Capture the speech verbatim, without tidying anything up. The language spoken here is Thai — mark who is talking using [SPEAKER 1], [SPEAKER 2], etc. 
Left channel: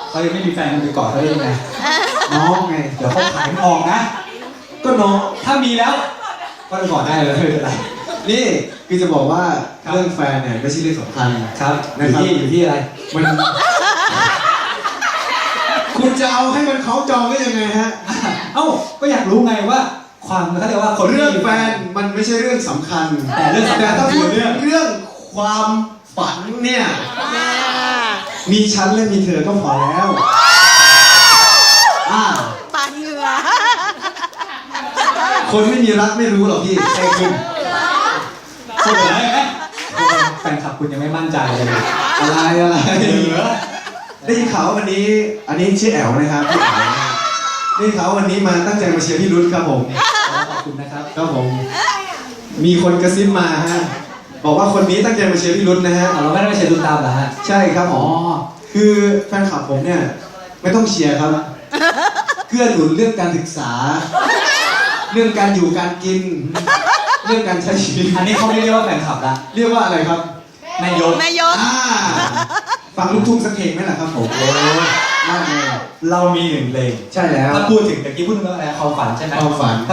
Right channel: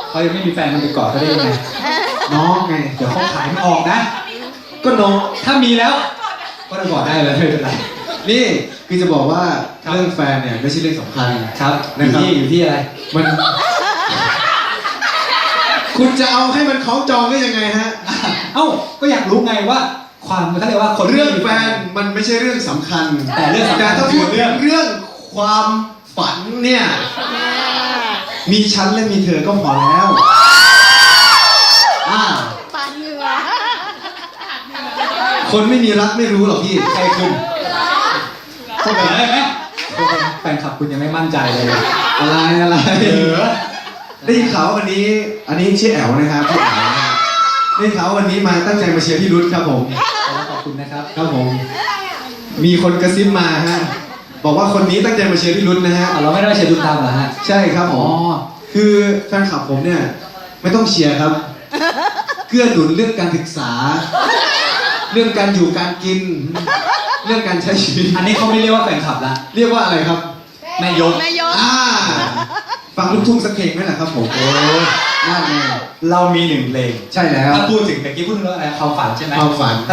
[SPEAKER 1] เขายังไม่มีแฟนมันไปกอดเขาได้ยังไงน้องไงเดี๋ยวเขาขายไม่ออกนะก็น้องถ้ามีแล้วก็ไปกอดได้เลยไม่เป็นไร
[SPEAKER 2] นี่คือจะบอกว่าเรื่องแฟนเนี่ยไม่ใช่เรื่องสำคัญ
[SPEAKER 1] ครับ
[SPEAKER 2] นะ
[SPEAKER 1] อยู่
[SPEAKER 2] ครับ
[SPEAKER 1] ที่อยู่ที่อะไร
[SPEAKER 2] มัน คุณจะเอาให้มันคล้องจองได้ยังไงฮะ
[SPEAKER 1] เอ้าก็อยากรู้ไงว่าความเขาเรียกว่าคนที่
[SPEAKER 2] เรื่อง
[SPEAKER 1] มี
[SPEAKER 2] แฟนมันไม่ใช่เรื่องสำคัญ
[SPEAKER 1] แต่เรื่องสำคัญ
[SPEAKER 2] แต่ถ้า
[SPEAKER 1] คื
[SPEAKER 2] พู
[SPEAKER 1] อ
[SPEAKER 2] ด
[SPEAKER 1] เรื่อง
[SPEAKER 2] เรื่องความฝันเนี่ยมีฉันและมีเธอก็พอแล้วอ่า
[SPEAKER 3] ปาดเหงื่อ
[SPEAKER 2] คนไม่มีรักไม่รู้หรอกพี่
[SPEAKER 1] ใช่คุณคุณเห็นไหมแฟนคลับคุณยังไม่มั่นใจเลย
[SPEAKER 2] อะไรอะไร
[SPEAKER 1] เออ
[SPEAKER 2] ได้ยินข่าวว่าวันนี้ อันนี้ชื่อแอ๋วนะครับพี่แอ๋วนะครับได้ยินข่าวว่าวันนี้มาตั้งใจมาเชียร์พี่รุ้ครับผม
[SPEAKER 1] ขอบคุณนะครับ
[SPEAKER 2] ครับผม มีคนกระซิบมาฮะบอกว่าคนนี้ตั้งใจมาเชียร์พี่รุ้นะฮะ
[SPEAKER 1] อ่ะเราไม่ได้มาเชียร์ดูตามเหรอฮะ
[SPEAKER 2] ใช่ครับผ
[SPEAKER 1] อ๋อ
[SPEAKER 2] มคือแฟนคลับผมเนี่ยไม่ต้องเชียร์ครับเกื้อหนุนเรื่องการศึกษา เรื่องการอยู่การกิน เรื่องการใช้ชีวิต
[SPEAKER 1] อันนี้เขาไม่เรียกว่าแฟนคลับละ
[SPEAKER 2] เรียกว่าอะไรครับ
[SPEAKER 1] แม่ยก
[SPEAKER 3] แม่ยก
[SPEAKER 2] อ่าฟังลูกทุ่งสักเพลงไหมล่ะครับผมโอ้น่าเลย
[SPEAKER 1] เรามีหนึ่งเพลง
[SPEAKER 2] ใช่แล้ว
[SPEAKER 1] ถ้าพูดถึงตะกี้พูดเรื่องอะไรความฝันใช่ไหม
[SPEAKER 2] ความฝัน